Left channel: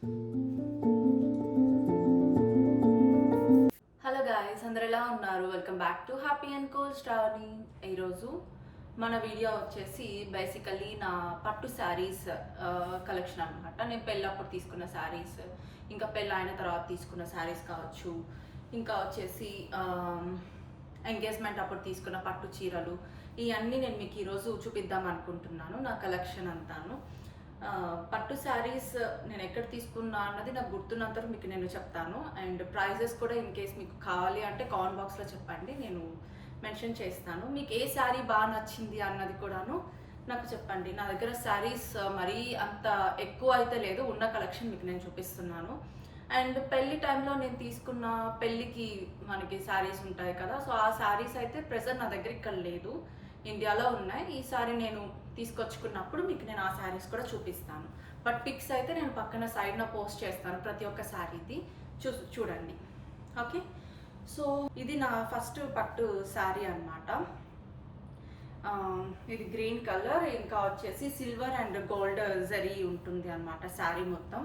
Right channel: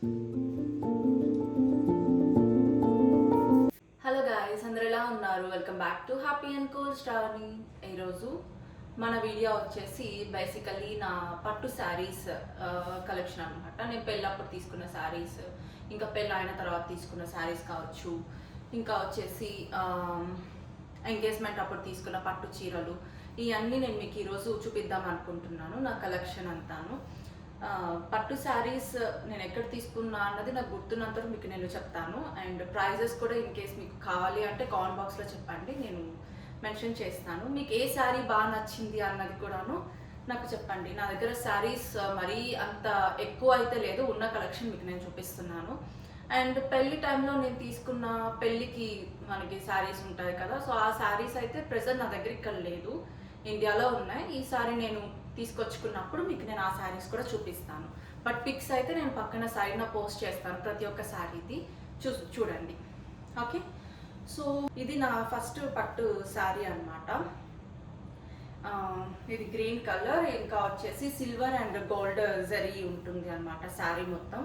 Hello guys, అందరు ఎలా ఉన్నారు? Welcome back to happy and cool స్టార్ని. ఈరోజు మన వీడియో వచ్చేసి బేసికల్లీ నా పట్టు శారీస్ కలెక్షన్ అనమాట. నేను పెళ్ళప్పుడు తీసుకున్న శారీస్, ఇంకా పెళ్ళి అయిన తర్వాత తీసుకున్న శారీస్ కావచ్చు, ఇంకా వచ్చేసి ఎంగేజ్మెంట్ అప్పుడు తీసుకున్న పట్టు చీరలు, ఇవన్నీ నేను మీకు ఈరోజు చూపిద్దాం అనుకుంటున్నాను. నా కలెక్షన్ అంతాను. పట్టు శారీస్ నేను ఎక్కడ తీసుకున్నా అన్నది నాకు గుర్తున్నంత మీకు నేను చెప్తాను. అండ్ ప్రైజెస్ కూడా ఇన్ కేస్ మీకు కావాలి అంటే కామెంట్ బాక్స్లో చెప్పండి, నేను మెన్షన్ చేస్తాను. మీకు ఏ శారీ బాగా నచ్చింది అన్నది కూడాను నాకు చెప్పండి. నా దగ్గర శారీస్ మరీ అంత ఎక్కువ అయితే లేదు, ఉన్న కలెక్షన్ మీకు నేను చూపిస్తున్నాను. అండ్ పెళ్లి టైంలో నేను తీసుకున్న పెళ్ళికి మనకి శారీస్ ఉంటాయి కదా, సో ఆ శారీస్ అయితే ప్రెజెంట్ నా దగ్గర ఇక్కడ లేదు, ఇండియాలో ఉన్నాయి. ఈ సారీ నేను తీసుకొచ్చుకున్నప్పుడు మీకు నేను ఆ శారీస్ కూడా చూపిస్తాను. బట్ పిక్స్ అయితే నేను పక్కన సైడ్న పోస్ట్ చేస్తాను ప్రతి ఒక్క శారీది, చూడండి. ఓకే, సో ఇది నా ఫస్ట్ పట్టు శారీ అనమాట. ఇది గ్రీన్ కలర్, ఇంకా వచ్చేసి సిల్వర్ అండ్ గోల్డ్ జరీ ఉంటుంది అనమాట. శారీ మొత్తం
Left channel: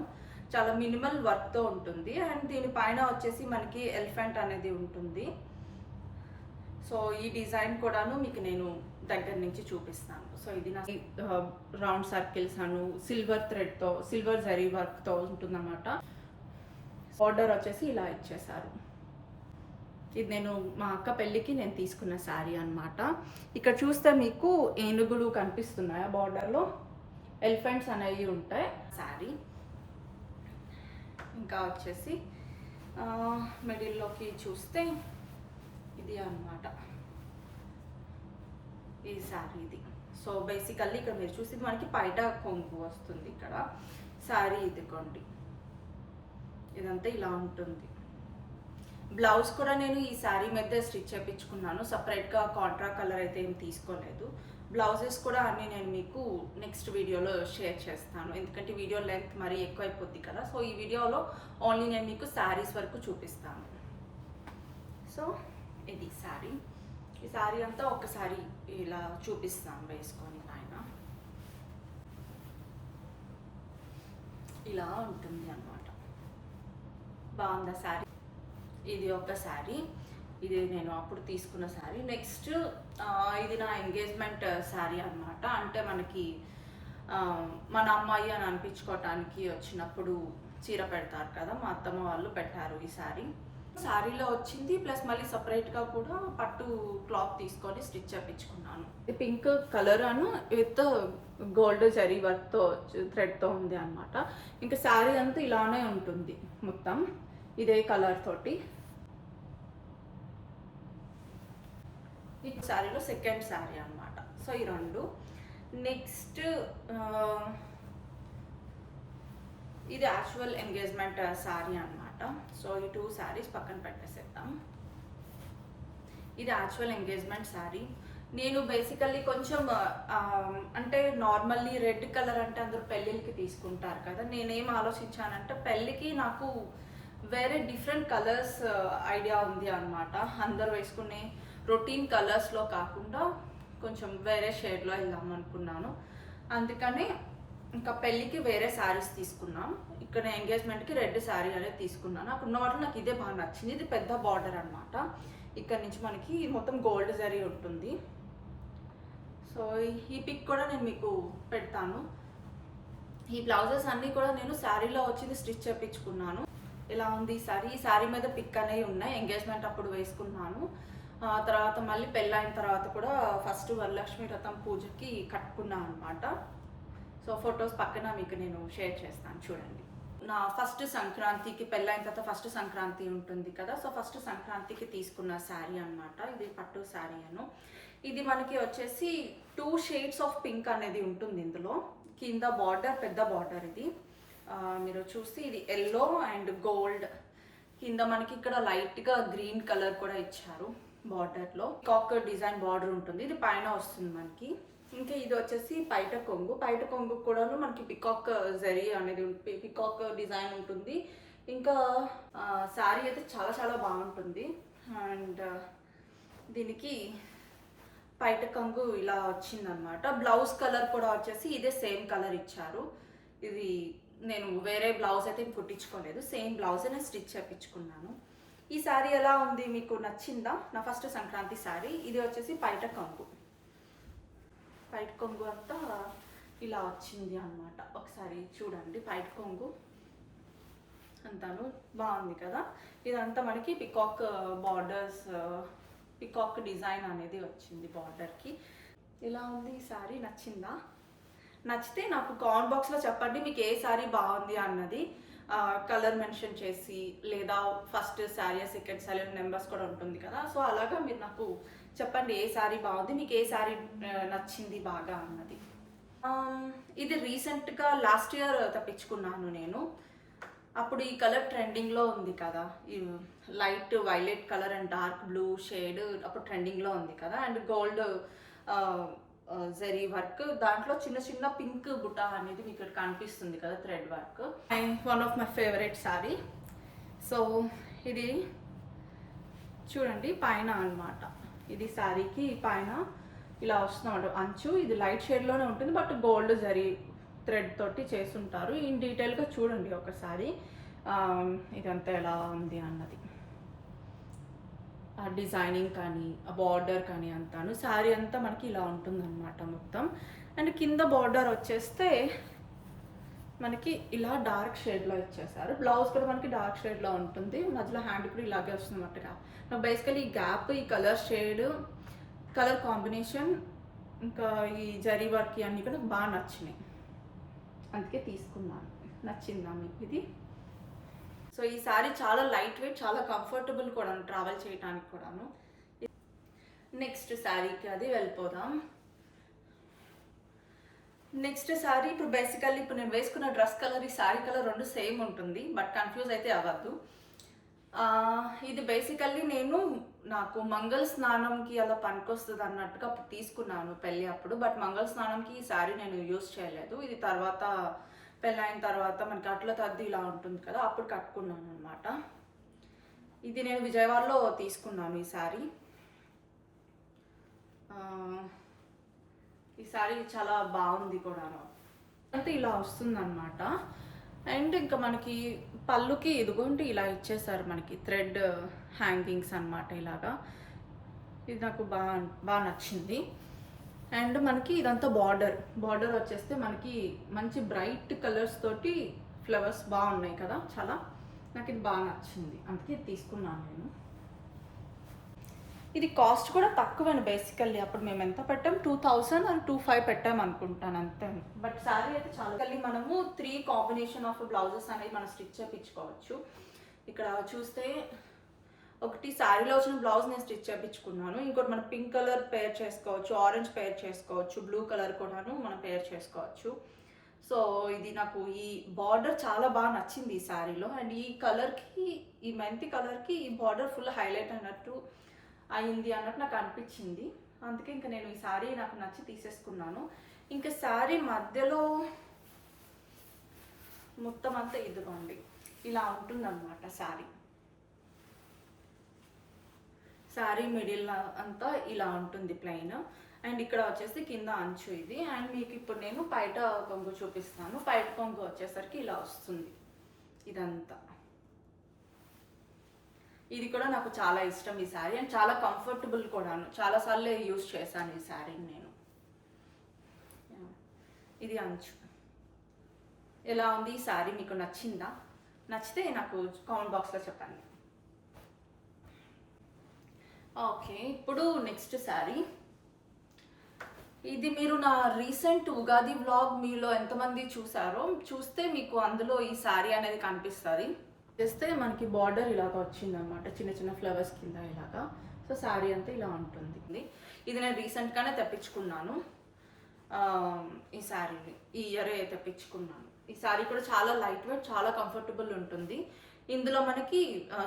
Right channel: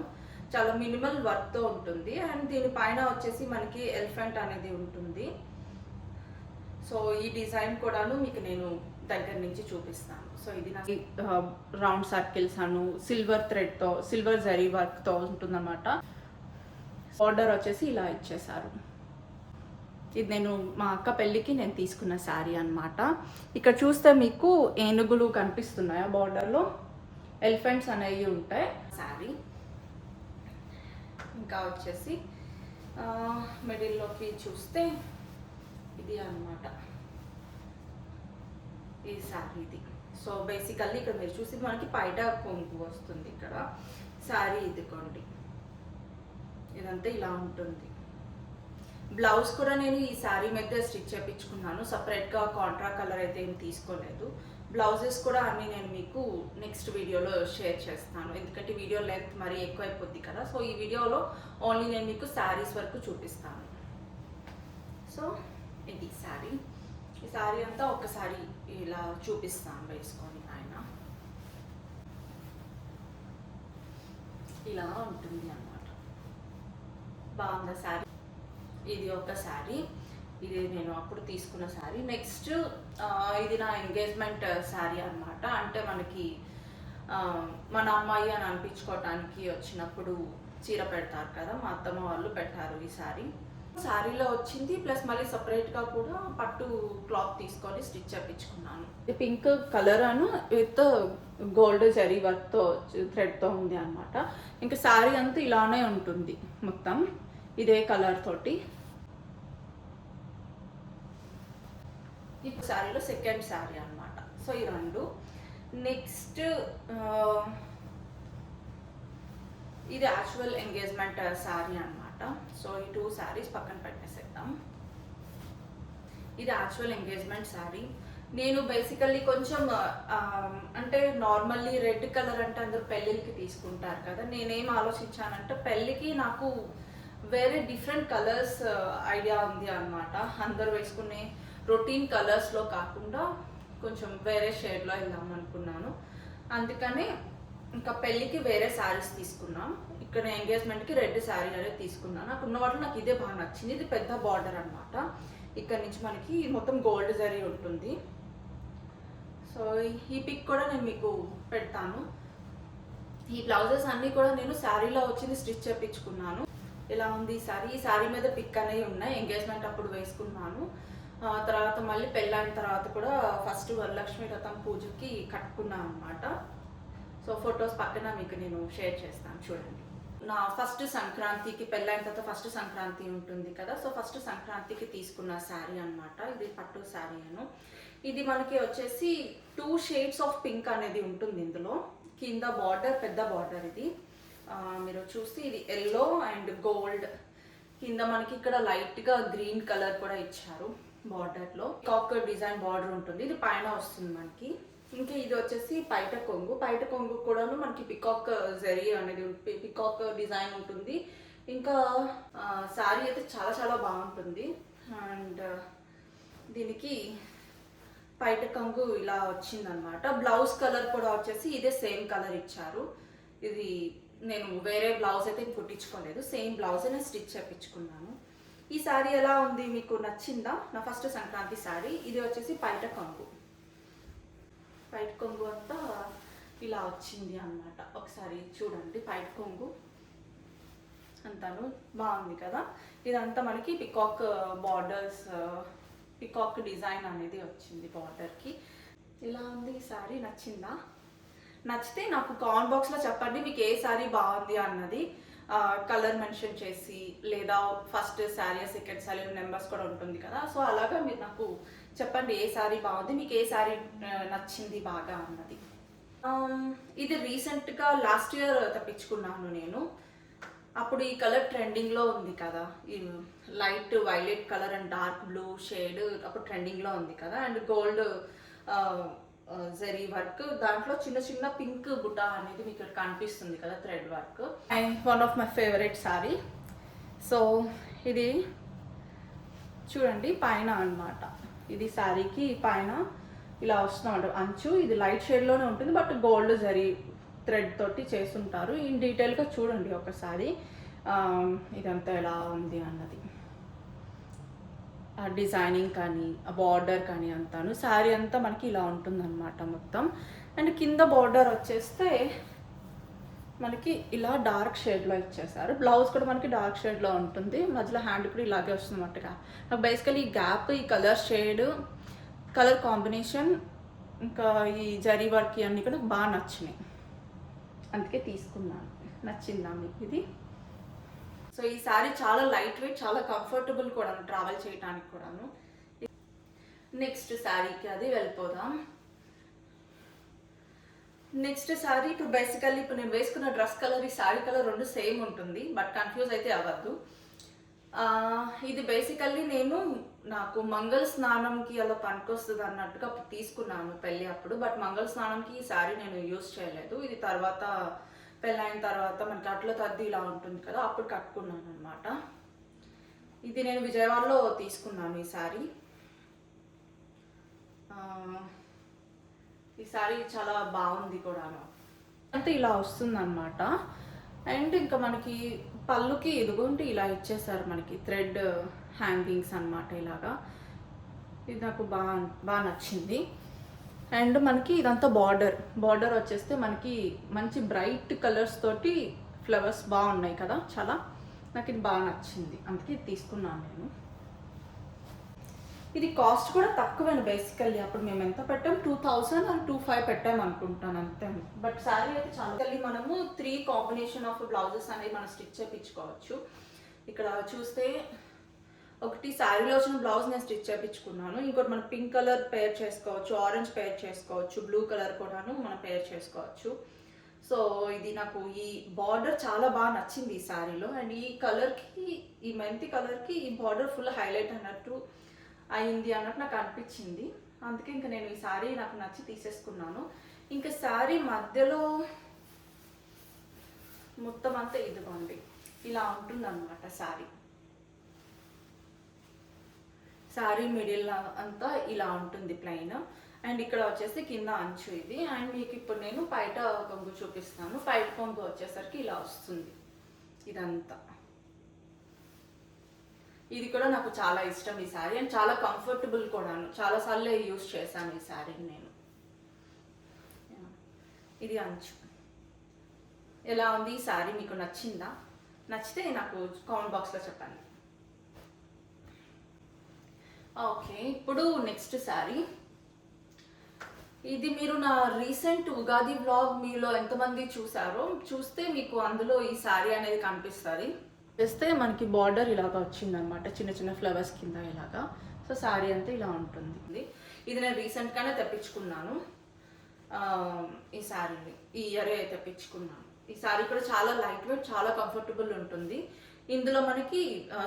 చాలా మినిమల్ వర్క్తో ఉంటుంది. అండ్ దీనిపైన వచ్చేసి మనకి ఎలిఫెంట్ అనేది ఉంటుంది. సో ఈ డిజైన్ కూడాను మీకు నేను దగ్గర నుంచి చూపిస్తాను. సో ఇది నా రౌండ్ సర్కిల్స్ అను సిల్వర్ థ్రెడ్తో, సిల్వర్ జరీ వర్క్తో ఉంటుందన్నమాట. ఆర్డర్ వచ్చేసి ఇలా ఇచ్చేసారు. ఇది నేను మా అక్క పెళ్ళికి నేను తీసుకున్న శారీ అనమాట. ఇక్కడ చూస్తే మీకు ఏనుగులు కనిపిస్తున్నాయా, బార్డర్లో ఎలిఫెంట్స్ అనేవి ఉంటాయి శారీ. ఇంకా వచ్చేసి మిడిల్లోకి చూస్తే ఇది అన్నమాట ఈ శారీ ఇది. సో బేసికల్లీ ఇక్కడ మీరు చూసి మనకి పైట కొంగు వస్తుంది ఇక్కడ. శారీ ఇదిగోండి, ఇదంతా ఇలా ఉంటుంది. బ్లౌజ్ కూడా నేను ఈ శారీ మీద స్టిచ్ చేయించుకున్నాను, సపరేట్గా కాంట్రా కలర్ అయితే ఏం తీసుకోలేదు. బ్లౌజెస్ కూడా అన్నీ నేను మీకు నెక్స్ట్ వీడియోలో షేర్ చేస్తాను, ఎందుకంటే వీడియో లెంత్ మరీ ఎక్కువ అయిపోద్ది కదా. సో ఈ వీడియోలో ఓన్లీ నేను మీకు శారీస్ వరకు చూపిస్తాను. సో ఇది శారీ. ఈ శారీ అంతా ఒకసారి ఇలా చూపిస్తాను వేసుకొని పైన. ఇలా ఉంటుంది అన్నమాట. బాగుందా శారీ? ఇది ఒక శారీ, ఇది నేను అప్పుడు తీసుకున్న శారీ. నెక్స్ట్ ఇది నా ఎంగేజ్మెంట్ శారీ అన్నమాట. అంటే మనకి మన అమ్మాయి అని అనిపించుకోవటానికి వచ్చినప్పుడు చీర పెడతారు కదా, మా అత్తమ్మ వాళ్ళు పెట్టారు ఈ శారీ. శారీలో వచ్చింది, ప్లస్ మళ్ళీ సపరేట్గా కూడా పట్టు క్లాత్ తీసుకొని స్టిచ్ చేయించుకున్నాను. Pink colour Anu with gold zari వర్క్తో థ్రెడ్తో ఉంది అనమాట. ఇంకా శారీ అంతా ఇలానే ఉంటుంది మొత్తం ఇదే కలర్ తోటి. ఈ శారీలో సెకండ్ శారీ అనమాట. సో ఈ రెండు. నెక్స్ట్ ఇది యాక్చువల్ ఎంగేజ్మెంట్ శారీ అనమాట. సో ఈ టూ శారీస్ పక్కన పెట్టేసేద్దాం. ఇది యాక్చువల్ ఎంగేజ్మెంట్ శారీ. నేను బేసికల్లీ కొంచెం అంటే నార్మల్లీ రెడ్ కలర్ అంటే అందరూ పెళ్ళిళ్ళకి తీసుకుంటారు కదా, నేనేం ఆలోచించానంటే పెళ్ళికి నాకు వేరే డిఫరెంట్ కలర్స్ ఐడియా ఉంది అనమాట. అందరు వేసుకునే రొటీన్ కలర్స్లో కాకుండా కొంచెం వేరే షేడ్లో వెళ్దాం అనుకున్నాను. అందుకని ఇంకా పెళ్ళికి వేరే శారీస్ తీసుకున్నాను. ఇక్కడ ఎంగేజ్మెంట్కి రెడ్ శారీ అనేది తీసుకున్నాను. నాకు ఉన్న వాటిలో నాకు ఇదే బాగా నచ్చింది. ఇది పెద్ద బార్డర్ అనమాట. ఇక్కడ నుంచి మనకి మొత్తం గోల్డ్ జరీ ఉంటుంది. సో ఈ పిక్ కూడా నేను మీకు పెడతాను. ఈ బ్లౌజెస్ అన్నీ కూడా నేను శారీలో వచ్చింది స్టిచ్ చేయించుకున్నాను. ఇలా ఉంది ఈ శారీ. ఈ శారీ మీద పిక్ అనేవి ఉన్నాయి, ఎంగేజ్మెంట్ అప్పుడు వేసుకున్నాను. తర్వాత మళ్ళీ పెళ్ళైన తర్వాత కూడా ఫస్ట్ వరలక్ష్మి వ్రతం పూజకి కట్టుకున్నాను అనమాట. సో ఫొటోస్ పక్కన మీకు నేను షేర్ చేస్తాను, చూడండి. నా ఫస్ట్ సంక్రాంతికి, పెళ్ళైన తర్వాత ఫస్ట్ సంక్రాంతి ఉంటుంది కదా, సో ఫస్ట్ సంక్రాంతికి తీసుకున్న శారీ అనమాట. ఇది పట్టు శారీ అను. ఇది మనకి వచ్చేసి 2 షేడ్స్ ఆఫ్ పింక్ అనేది ఉంటుంది ఇందులో. కింద బార్డర్ పెద్ద బార్డర్ ఇది మీరు చూస్తే ఇది ఎల్లో అండ్ గోల్డ్. కింద మనకి ఇక్కడ లైట్గా గ్రీన్ కలర్ కూడా ఇచ్చారు బార్డర్లో. కాక్ డిజైన్ బార్డర్ ఉంటుంది, ఇది పైన వస్తుంది మనకి. ఇంకా ఇది వచ్చేసి పైట కొంగు. పైట కొంగు కూడాను మనకి పికాక్ జరీ అనేది పికాక్ డిజైన్ ఉంటుంది. ఇంకా శారీ అయితే చాలా చాలా బాగుంటుంది. అండ్ దీనికి పైట కొంగు ఇలా వచ్చిందనమాట. బ్లౌజ్ కలర్ కూడా వచ్చేసి ఇదే సేమ్ కలర్ ఇచ్చారు. ఇది నేను వేరే బ్లౌజ్ అయితే కుట్టించుకోలేదు, సేమ్ బ్లౌజ్ నేను స్టిచ్ చేయించుకున్నాను. ఈ శారీ ఎలా ఉంది, మీకు నచ్చిందా? నా ఫస్ట్ సంక్రాంతి శారీ. ఇది వచ్చేసి పైట కొంగు అంతా ఇలా వచ్చింది అన్నమాట. ఒకసారి చూడండి, పైట కొంగు అంతాను బాగుంది కదా. ఇదంతా మనకి పికాక్ బార్డర్స్, పికాక్ డిజైన్ అనేది వచ్చింది బార్డర్కి. ఇలా ఉంది ఈ శారీ. నచ్చిందా? నచ్చితే నాకు కామెంట్ బాక్స్లో చెప్పండి మీకు ఏ శారీ బాగుంది అన్నది. కలర్ మెన్షన్ చేసి, లేదా first sari second sari numbers కూడా ఉంటుంది కదా, సో అలాగా మీరు నాకు చెప్పండి ఏ శారీ బాగుంది, మీకు ఏ శారీ నచ్చింది బాగా అన్నది. ఇది రీసెంట్గా లాస్ట్ ఇయర్ తెప్పించుకున్నాను నేను. అప్పుడు ఈ కలర్ ట్రెండింగ్లో ఉంది కదా, ఈ light violet colour and dark blue shade అప్పుడు ట్రెండింగ్లో ఉంది కదా. అండ్ గోల్డ్ జరీ వర్క్, దాంట్లో చిన్న చిన్న పింక్ బుట్ట అనేది మీకు ఇక్కడ కనిపిస్తుంది కదా, thread work. And one of my favourite sari. So ఇది చూడండి పైన అన్నమాట, ఇది శారీకి పైన ఇలా వస్తుందన్నమాట అంచు. ఇది లైట్ షేడ్లోనే ఉంటుంది, బట్ గోల్డ్ జరీ థ్రెడ్ తోటి చేస్తుంటారు. ఇన్ డీటెయిల్గా చూడండి ఒకసారి ఇదంతా ఎలా ఉంది అన్నది, ఆ డిజైనింగ్ కానీ ఆ బార్డర్ కానీ అంతాను. శారీ అంతా మనకి ఇలా ఉంటుందన్నమాట మొత్తం. అండ్ కింద బార్డర్ వచ్చేస్తే మనకి ఇలా డార్క్ షేడ్లో ఇచ్చేసారు. బ్లౌజ్ కూడా మనకి డార్క్ షేడ్లో ఉంటుంది, మధ్యలో హ్యాండ్ కూడా ఇలాగే వస్తుంది అన్నమాట. నాకు బేసికలీ ఈ గ్యాప్, ఈ కలర్ షేడ్, కలర్ కాంబినేషన్, ఇంకా ఈ జరీ వర్క్ అన్నీ కూడా బాగా నచ్చినాయి, అందుకే తీసుకున్నాను. నచ్చిందా మీకు ఇది? సో ఈ శారీ చాలా లైట్ వెయిట్, చాలా కంఫర్టబుల్ కూడా ట్రావెల్ చేయడానికి కూడాను. నెక్స్ట్ శారీకి అది వెళ్ళిపోదాం. నెక్స్ట్ శారీ ఇప్పుడు బేసికల్లీ ఇప్పుడు నేను వేసుకున్న డ్రెస్ కలర్, ఈ శారీ కలర్ రెండు సేమ్ ఉంటుంది, బట్ కన్ఫ్యూజ్ అయితే అవ్వద్దు. ఇది బేసికల్లీ నేను నాకు మంగళ స్నానంకి అలా పనికొస్తుంది అన్నట్టుగా తీసుకున్నాను పెళ్ళి అప్పుడు, బట్ మంగళ స్నానంకి ఈ శారీ నేను యూజ్ చేయలేదు. ఇది తర్వాత పెళ్ళైన తర్వాత మనకి అట్ల తద్ది ఇలా ఉంటుంది కదా, అప్పుడు కట్టుకున్నాను అనమాట. ఇది నేను విజయవాడలో తీసుకున్నాను ఈ శారీ. ఈ శారీ చాలా బాగుంది కూడా, అంటే ఇలా వస్తుంది అనమాట. అండ్ ఇంకా మనకి పళ్ళుకి ఇదిగోండి ఇలా ఇచ్చేసారు మనకి థ్రెడ్ హ్యాంగింగ్స్ అనమాట ఇలాగా. ఇది నాకు బాగా నచ్చింది. అండ్ మనకి ఇదంతా బార్డర్ వచ్చేస్తే మనకి మంచి బ్రైట్ కలర్స్ తోటి ఫ్లవర్స్ బాగున్నాయి కదా, చాలా నాకు ఇది బాగా నచ్చింది, అందుకే ఇది తీసుకున్నాను నేను. ఇది కాస్ట్ కూడా తక్కువేను బేసికల్లీ. అప్పుడు మేము ఎంత పెట్టాం, 2000 and 2500 పెట్టాం అనుకుంటాను అంతే. బట్ శారీ అయితే చాలా మనము 3 కాంబినేషన్ ఆఫ్ బ్లౌజెస్ అనేవి మనం స్టిచ్ చేయించుకోవచ్చు. ఇక్కడ చూస్తే ఒకటి శారీలో వచ్చిన బ్లౌజ్ నేను స్టిచ్ చేయించుకున్నాను, ఇంకోటి మనం పింక్ కలర్ పేర్ చేసుకోవచ్చు, ఆరెంజ్ పేర్ చేసుకోవచ్చు, బ్లూ కలర్ కూడాను మనం పేర్ చేసుకోవచ్చు. సో ఇది నాకు ఈ బార్డర్ చాలా బాగా నచ్చింది ఈ శారీలో. అండ్ ఈ కలర్కి, ఈ మెంతి కలర్కి ఈ బార్డర్ ఫుల్ హైలైట్ అన్నట్టు అయింది అన్నట్టు నాకు అనిపించింది, అందుకే ఇంకా నేను ఈ శారీ నాకు నచ్చి తీసేసుకున్నాను. ఇంకా శారీ మధ్యలో మొత్తం అంతా ఇదిగోండి ఇలా ఉంటుందన్నమాట శారీ మిడిల్ అంతా ఇలా ఉంటుంది ప్లెయిన్. అండ్ ఇక్కడ వచ్చేసి కింద అంచు ఇది. అండ్ మీకు ఇప్పుడు నేను పైట కొంగు చూపిస్తాను. పైట కొంగు వచ్చేసరికి ఇలా వస్తుంది ఇదంతా. ఇది కూడా నాకు చాలా ఇష్టం ఈ శారీ, అండ్ చాలా కంఫర్టబుల్ కూడాను. చాలాసార్లు యూజ్ చేశాను ఈ శారీని నేను. ఇది అంచు. ఎలా ఉంది ఈ శారీ, మీకు నచ్చిందా? నచ్చితే నాకు కామెంట్ బాక్స్లో చెప్పండి. ఓకే, ఇప్పుడు నెక్స్ట్ శారీ. ఇది మీరు నా రీసెంట్ ఉగాది వ్లాగ్ మీలో ఎంతమంది చూసారో చూస్తే మీకు అందులో ఈ శారీ అనేది కనిపిస్తుంది. చేస్తే మనకి బార్డర్ ఇలాగా వచ్చిందనమాట, చిన్న చిన్న ఫ్లవర్స్ కింద ఇలాగా. సో శారీ అంతా ఇలా ఉంటుంది. ఇది నేను రీసెంట్గానే తెప్పించుకున్నాను ఈ శారీని, ఈ ఇయరే తెప్పించుకున్నాను. ఈ శారీ కూడా చాలా లైట్ వెయిట్, చాలా కంఫర్టబుల్ ఉంటుంది. ఇందులో మనకి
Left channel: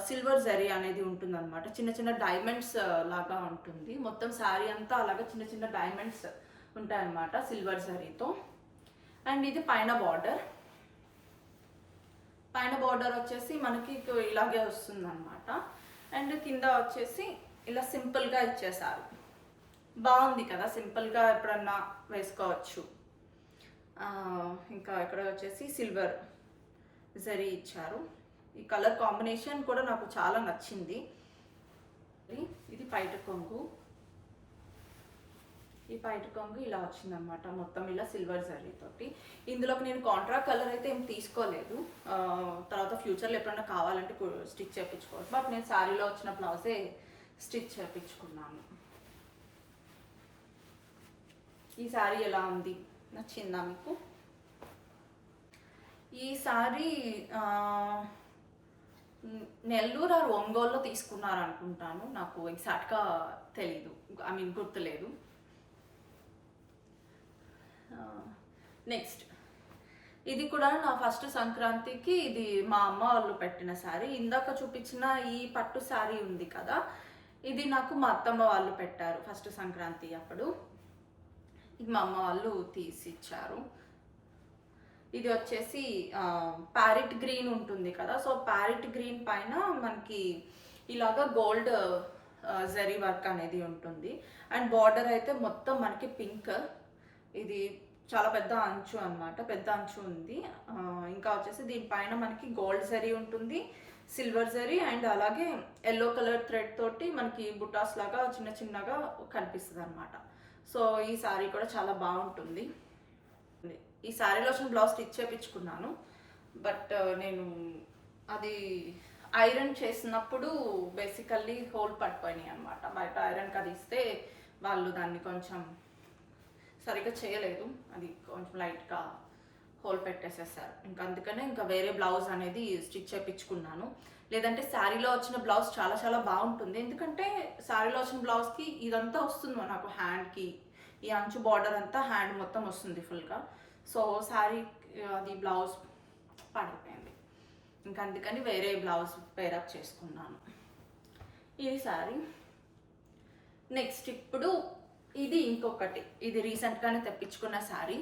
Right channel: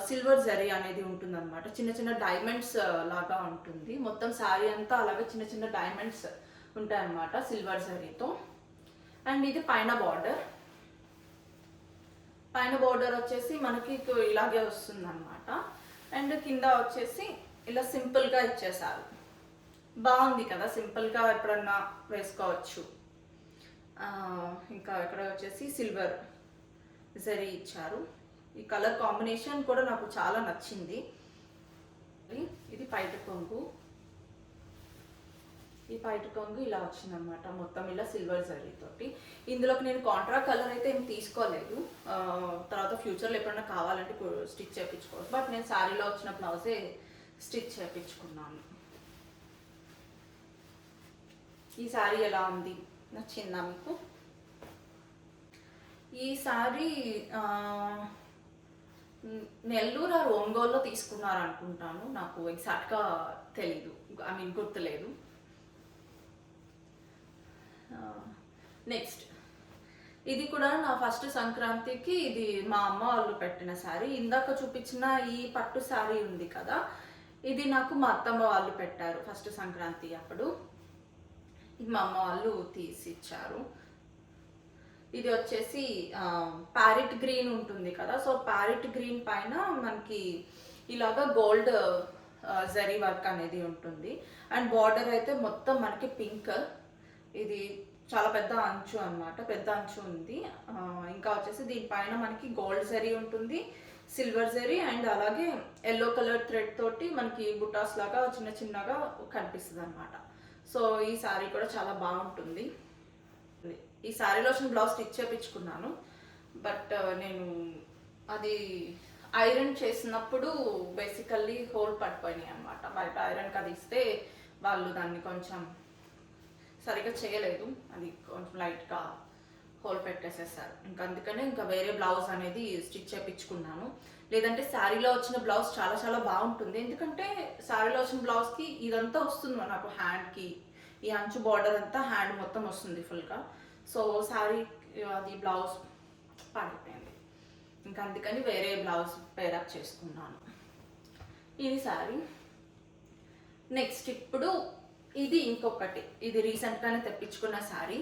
సిల్వర్ జరీ అనేది ఉంటుంది అనమాట, చిన్న చిన్న డైమండ్స్ లాగా ఉంటుంది. మొత్తం శారీ అంతా అలాగే చిన్న చిన్న డైమండ్స్ ఉంటాయి అన్నమాట సిల్వర్ జరీతో. అండ్ ఇది పైన బార్డర్ వచ్చేసి మనకి ఇలాగే వస్తుంది అనమాట. అండ్ కింద వచ్చేసి ఇలా సింపుల్గా ఇచ్చేసారు. బాగుంది కదా, సింపుల్గా ఎప్పుడన్నా వేసుకోవచ్చు. ఇంకా ఇక్కడ వచ్చేసి సిల్వర్ జరీ ఇచ్చారు. ఈ కలర్ కాంబినేషన్ కూడా నాకు చాలా నచ్చింది. ఇది పైట కొంగు. ఈ పైట కొంగు ఇలా వచ్చిందనమాట, మొత్తం ఇలా సిల్వర్ జరీతోటి. ఇందులోకి నేను కాంట్రా కలర్ అయితే ఏం తీసుకోలేదు, తర్వాత ఫ్యూచర్లో ఎప్పుడైనా కావాలంటే స్టిచ్ చేయించుకోవచ్చు. బట్ నేను శారీలో వచ్చిన బ్లౌజే స్టిచ్ చేయించుకున్నాను. ఈ శారీ ఎలా ఉంది, నచ్చిందా మీకు? ఈ శారీ నెల్లూరు ఆర్ ఒంగోలులో తీసుకున్నారు అనుకుంటాను, నాకు ఎగ్జాక్ట్గా తెలీదు, ఐ మీన్ గుర్తులేదు. నెక్స్ట్ ఇది కూడా నా ఫస్ట్ సంక్రాంతికి ఇది మా అమ్మ వాళ్ళు పెట్టిన శారీ. ఇందాక చూపించిన ఈ పట్టు శారీ ఉంది కదా, ఇది నాకు మా అత్తమ్మ వాళ్ళు పెట్టారు ఫస్ట్ సంక్రాంతి అప్పుడు. ఇది మా అమ్మ వాళ్ళు తీసి ఇచ్చారు. ఇది వచ్చేసి ప్యారెట్ గ్రీన్ ఉంటుంది కదా, సో ప్యారెట్ గ్రీన్ పైన మనకి ఇలాగా గోల్డ్ జరీ వర్క్ అనేది ఉంటుంది. అండ్ బార్డర్ అయితే మొత్తం మనకి పింక్. ఇది చాలా పెద్ద అంచు అనమాట, పెద్ద అంచు ఉంది. ఇంకా వచ్చేసి దీనిపైన మనకి గోల్డ్ జరీ ఉంటుంది, సిల్వర్ జరీ, అండ్ అలాగే ఎల్లో కలర్ థ్రెడ్ తోటి మనకి బుటాస్ లాగా చిన్న చిన్నగా కనిపిస్తుంది అనమాట. సో ఈ శారీ కూడా చాలా బాగుంటుంది. ఈ శారీలో వచ్చిన బ్లౌజ్ స్టిచ్ చేయించుకున్నాను, బట్ నేను అది ఐరన్ చేసినప్పుడు బేసికల్లీ హోల్ పడిపోయినాయి అనమాట. బయట ఐరన్కి అది ఇస్తే వాళ్ళు దాన్ని కొంచెం సరిగ్గా చేయలేదు, అది కొంచెం లైట్గా హోల్ పెట్టేసేసారు. ఇంకా అందుకనే ఇంకా వేరే బ్లౌజ్ అనేది స్టిచ్ చేయించుకున్నాను. లేదంటే శారీలో వచ్చిన బ్లౌజ్ చాలా చాలా బాగుంటుంది, ఎందుకంటే శారీలో వచ్చిన బ్లౌజ్కి ఇదంతా వస్తుంది నాకు హ్యాండ్కి, ఈ అంచు బార్డర్ అంతా హ్యాండ్ మొత్తం వస్తుంది ఫుల్గా. సో శారీ అది బ్లౌజ్ పడిపోయింది, ఇంకా అందుకని వేరే బ్లౌజ్ పేరప్ చేసుకున్నాను. ఇది శారీ. నెక్స్ట్ ఇప్పుడు ఇది ఇంకొకటి, ఇది రీసెంట్గానే తెప్పించుకున్న శారీ.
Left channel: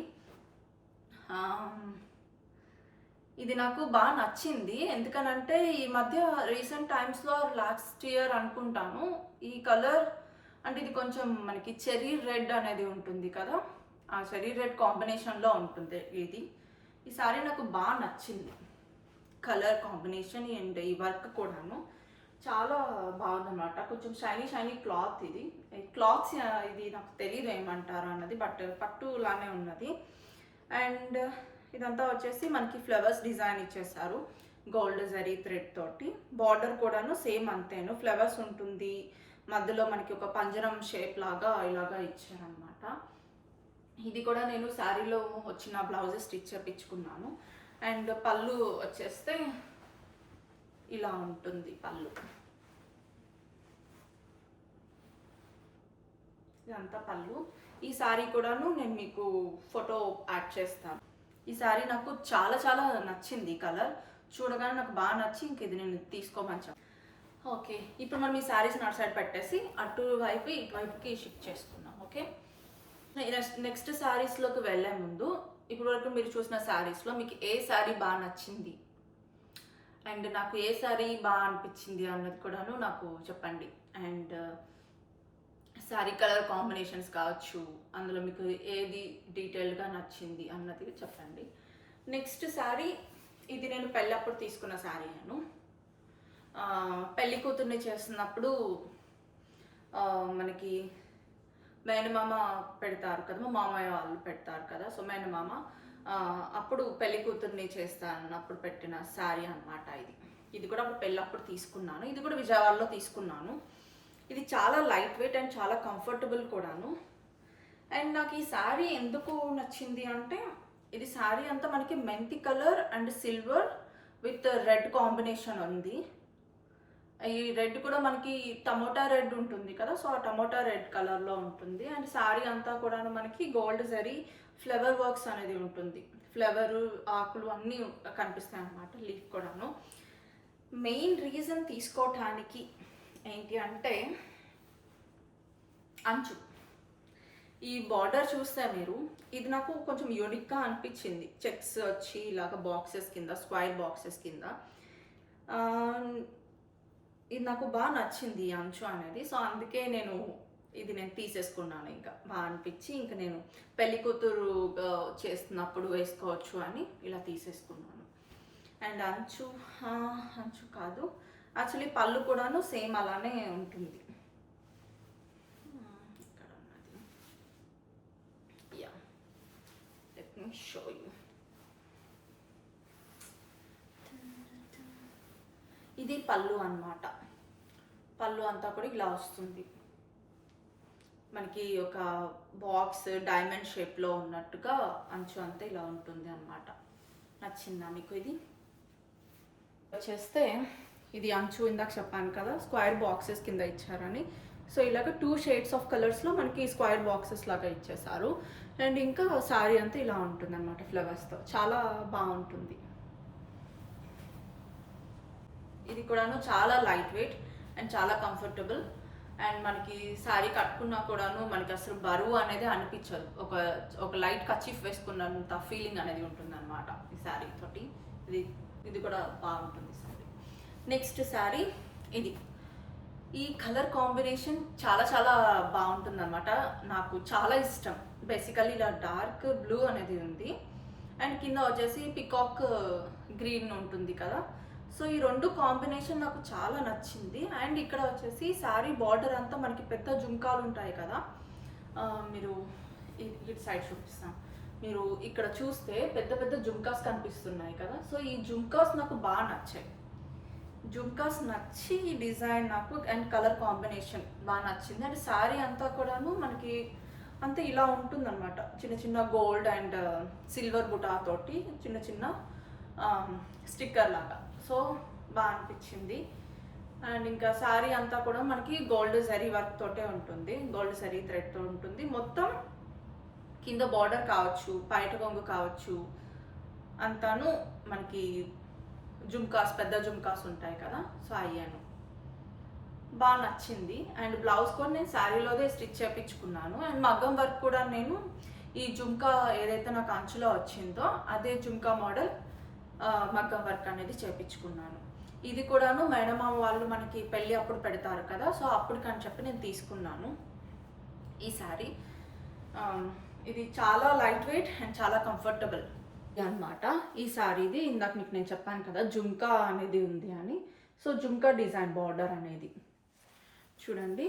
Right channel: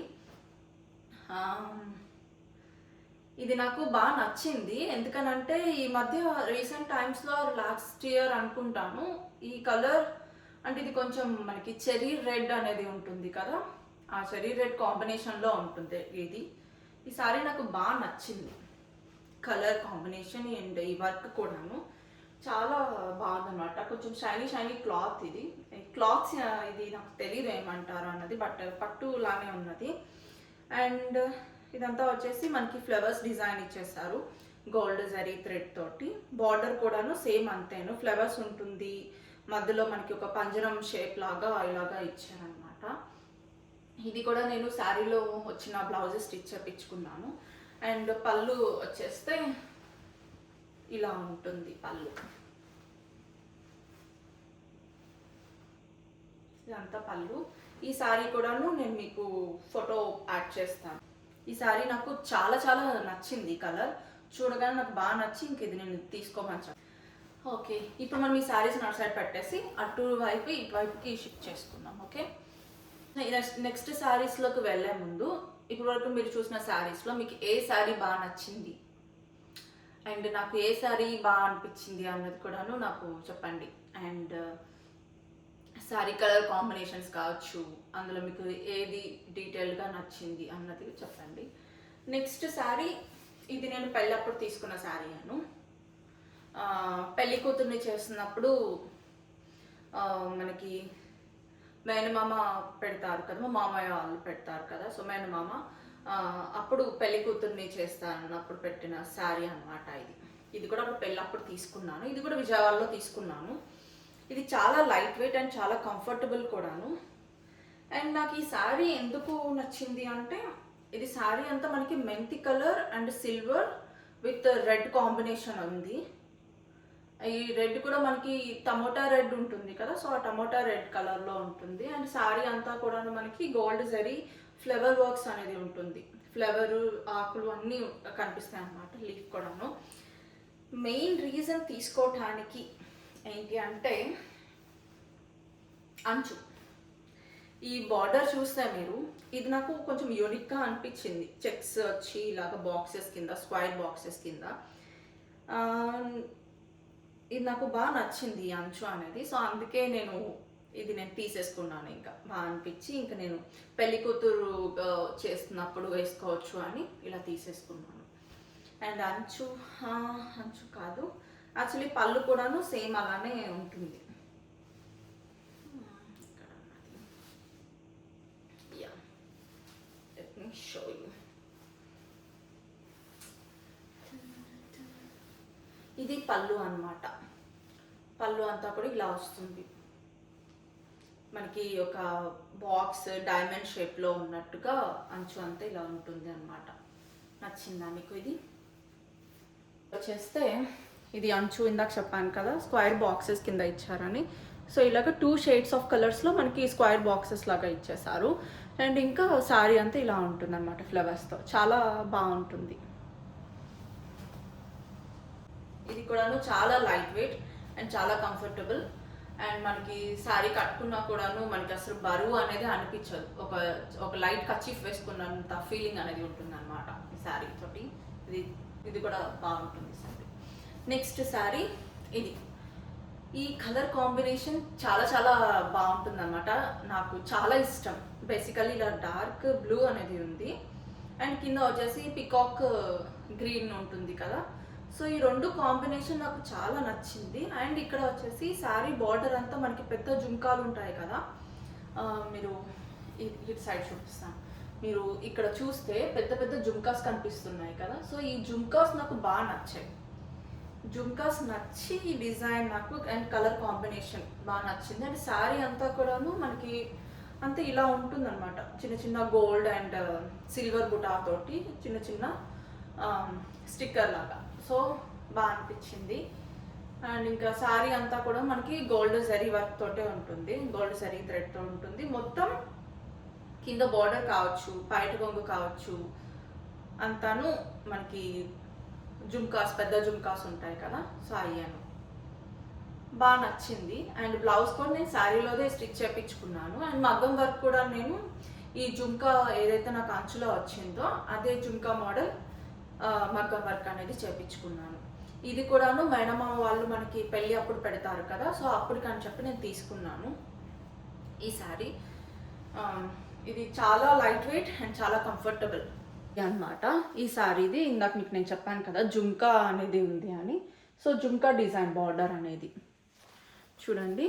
ఇది నాకు బాగా నచ్చింది, ఎందుకనంటే ఈ మధ్య రీసెంట్ టైమ్స్లో లాస్ట్ ఇయర్ అనుకుంటాను ఈ కలర్, అంటే ఇది కొంచెం మనకి చెర్రీ రెడ్ అనేది ఉంటుంది కదా, ఆ చెర్రీ రెడ్ కాంబినేషన్లో ఉంటుంది ఇది. ఈ శారీ నాకు బాగా నచ్చింది, కలర్ కాంబినేషన్ అండ్ ఈ వర్క్ కూడాను చాలా బాగుందన్నమాట. కొంచెం షైనీ షైనీ క్లాత్. ఇది క్లాత్స్ ఇది నాకు తెలియదు ఏమంటారు అన్నది, బట్ పట్టు లానే ఉన్నది. అండ్ ఇదంతా వచ్చేసి మనకి ఫ్లవర్స్ డిజైన్ ఇచ్చేసారు గోల్డ్ జరీ థ్రెడ్ తోటి. బార్డర్ కూడాను సేమ్ అంతేను, ఫ్లవర్స్ ఉంటుంది, మధ్యలో మనకి ఒక పంజరం షేప్ లాగా ఇలాగా ఇచ్చారనమాట. ఇది కూడా నేను శారీలో వచ్చిన బ్లౌజ్ స్టిచ్ చేయించుకున్నాను. అండ్ పళ్ళు వచ్చేస్తే ఇలా ఉంటుంది పళ్ళు, ఇదంతా పళ్ళు. ఈ శారీ కూడాను నేను మీకు ఫోటో యాడ్ చేస్తాను. ఈ శారీ నాకు చాలా చాలా నచ్చింది, కలర్ చూడగానే నాకు బాగా నచ్చి ఇంక ఇది నేను తీసుకోమని. ఓకే, ఇప్పుడు మనం ఈ శారీస్ అటు సైడ్ పెట్టేసి అటువైపు ఇటువైపుకి షిఫ్ట్ చేసుకుందాం. ఓకే, నెక్స్ట్ శారీస్లోకి వెళ్ళే ముందు ఇప్పటి వరకు మీరు చూసిన శారీస్లో మీకు ఏ శారీ బాగా నచ్చింది అండ్ నాకు ఏ శారీ బాగా అనిపించింది అన్నది కూడాను నాకు చెప్పండి. అండ్ శారీ కలర్ కాంబినేషన్స్ కావచ్చు, అందులో మీకు ఏది డీటెయిల్గా నచ్చింది అన్నది చెప్పండి. నెక్స్ట్ శారీ ఇది నేను పెళ్ళప్పుడు తీసుకున్న శారీ. నేను పెళ్లి కూతుర్ని చేస్తున్నప్పుడు మనకి మేనమామ పెడతారు కదా, మా మామయ్య వాళ్ళు పెడతారు కదా, సో మేనమామ అప్పుడు పెళ్లి కూతుర్ని చేస్తానప్పుడు పెట్టిన శారీ అనమాట ఇది. ఇది కూడా అప్పుడు పెళ్ళప్పుడు తీసుకున్నాను, ఇది కూడా విజయవాడలో తీసుకున్నాను. ఇది చాలా లైట్ వెయిట్ అండ్ చాలా కంఫర్టబుల్ కూడాను. అండ్ నాకు ఈ శారీ ఎందుకు నచ్చింది అంటే ఇది శారీ అంతా మనకి మెంతి colour and silver with red combination ఉంది. ఈ రెడ్ కూడా మనకి టమోటా రెడ్ ఉంటుంది కదా, సో ఆ టమోటా రెడ్ కలర్లో ఉంటుంది. అండ్ శారీ అంతా కూడా మనకి గోల్డ్ జరీ ఫ్లవర్ వర్క్స్ అనేది ఉంటుంది, ఫ్లవరు ఆకులు అన్నీ కనిపిస్తాయి అన్నమాట, లీఫ్ కూడాను. మెయిన్ రీజన్ తీసుకోవటానికి ఏంటి అంటే అంచు. ఈ బార్డర్ చూస్తే మీరు ఇది నాకు కొంచెం యూనిక్గా అనిపించింది, చెక్స్ వచ్చి ఇలాగ బాక్సెస్ కింద, స్క్వైర్ బాక్సెస్ కింద. ఇది నాకు బాగా నచ్చింది ఈ అంచు అనేది, సో అందుకే నేను తీసేసుకున్నాను. ఇంకా బాగా అనిపించి ఇంకా నేను పెళ్లి కూతురు చేస్తున్నప్పుడు వేసుకోవచ్చు అని ఇలా తీసేసుకున్నాను. అండ్ అంచు కాదు, యాక్చువల్లీ పళ్ళు కూడాను సేమ్ అలానే ఉంటుంది. ఇక్కడ ఉన్నది, yeah let me show you. ఇది పళ్ళు అన్నమాట. పళ్ళు అంతా కూడా ఇలా వస్తుంది మనకి, ఒక బాక్స్ డైమండ్ షేప్లో ఉన్నట్టుగా అంచు అంతా ఇలా ఉంటుంది అన్నమాట. నచ్చిందా మీకు? ఇది వచ్చేస్తే ఇది అంచు ఇందాక చెప్పాను కదా స్క్వేర్ బాక్సెస్ కింద ఇచ్చారని. సో ఇలాగ 2 షేడ్స్ ఆఫ్ కలర్స్లో మనకి స్క్వేర్ బాక్సెస్ లాగా ఇచ్చేసారు. అండ్ ఇంకా శారీ అంతా ఇలా ఉంటుంది అన్నమాట ఫ్లవర్స్తో, చాలా బాగుంటుంది. ఇది కూడాను చాలా లైట్ వెయిట్ అండ్ చాలా కంఫర్టబుల్. అండ్ మనకి శారీ కట్టుకున్నా కూడాను మనకి అసలు బరువు అనేది అనిపించదు. ఒక లైట్ కర్చీఫ్ వేసుకున్నంత ఫీలింగ్ అనేది ఉంటుంది అనమాట ఈ శారీ తోటి. ఇది కూడా బాగుంటుంది శారీ. నెక్స్ట్ శారీ ఇది. ఈ కలర్ కాంబినేషన్ చాలా చాలా బాగుంటుంది అనమాట, నాకు చాలా ఇష్టం. బేసికల్లీ ఇలా డార్క్ బ్లూ అనేది ఉంది అండ్ కింద వచ్చేసి పికాక్ గ్రీన్ ఉంటుంది కదా. సో ఈ 2 కాంబినేషన్ నాకు చాలా నచ్చింది. అండ్ ఇక్కడ వచ్చేసి శారీ బార్డర్ అంతా మనకి పెద్ద జుంకాలు ఉంటాయి కదా, మీరు ఇటు సైడ్ చూపిస్తాను. మీరు ఇక్కడ చూస్తే పెద్ద పెద్ద జుంకాస్ కనిపిస్తున్నాయి కదా. సో ఈ జుంకాస్ నాకు బాగా నచ్చాయి. జుంకాస్ నచ్చి ఈ డిజైన్ నాకు అండ్ కలర్ కాంబినేషన్ బాగా నచ్చింది. అండ్ శారీ అంతా కూడాను మనకి అంతే ఇలా ఉంటుందన్నమాట, చిన్న చిన్న గోల్డ్ అండ్ సిల్వర్ బుటాతోటి చిన్న చిన్న స్టిక్కర్ లాగా. సో బాగా అనిపించింది. అండ్ ఇంకా శారీ అంతా కూడా మనకి గోల్డ్ జరీ వర్క్ తోటే ఉంటుంది, గోల్డ్ జరీ థ్రెడ్తో ఉంటుంది. మొత్తం కింద బార్డర్ కావచ్చు, పైట కొంగు కావచ్చు, అంతాను మనకి జుమ్కాస్, పెద్ద జుమ్కాస్ ఉంటాయి కదా. సో అయ్యాను బాగా నచ్చింది. అండ్ బ్లౌజ్ కూడా నేను శారీలోదే స్టిచ్ చేయించుకున్నాను. అండ్ మగ్గం వర్క్ కూడా నేను ఈ జుమ్కా ఏదైతే నాకు అంచులో వచ్చిందో అదే జుమ్కా మోడల్ మగ్గం వర్క్ అనేది చేయించుకున్నాను. ఇది కూడాను మేనమామ వాళ్ళు మనకి పెళ్ళి అప్పుడు పెడతారు కదా, సో అప్పటికని చెప్పి నేను తీసుకున్నాను ఈ శారీ. ఇది చాలా లైట్ వెయిట్ అండ్ చాలా కంఫర్టబుల్ అన్నమాట ఈ శారీది. ఇందాక మీకు నేను చెప్పాను కదా జుమ్కా అనేది ఉంది అని. సో జుమ్కా డిజైన్ బార్డర్ అనేది చూడండి,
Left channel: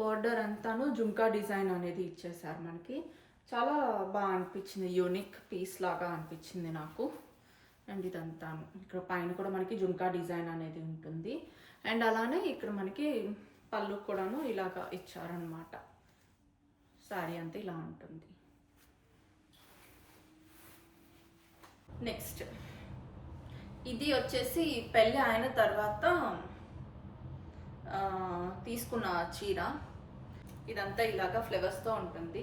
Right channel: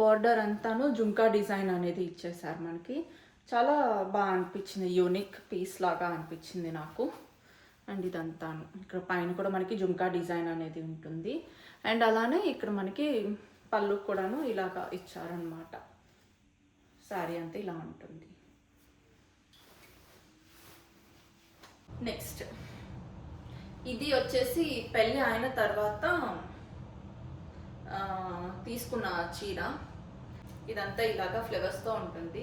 బార్డర్ అంతాను జుమ్కా డిజైన్ అనేది ఇచ్చేసారు మనకి. చాలా బాగా అనిపించింది, యూనిక్ పీస్ లాగా అనిపించింది నాకు. అండ్ ఇదంతాను ఇక్కడ పైన కూడా మనకి జుమ్కా డిజైన్ అనేది ఉంటుంది. అండ్ అలానే ఇక్కడ మనకి పళ్ళు కూడాను ఇలాగా ఇచ్చారనమాట. శారీ అంతా ఇలా ఉంటుంది. నెక్స్ట్ ఇది వచ్చేసి పెళ్ళి అయిన తర్వాత తీసుకున్న చీర. ఇదంతా ఇలాగా ఫ్లవర్స్తో ఉంటుంది.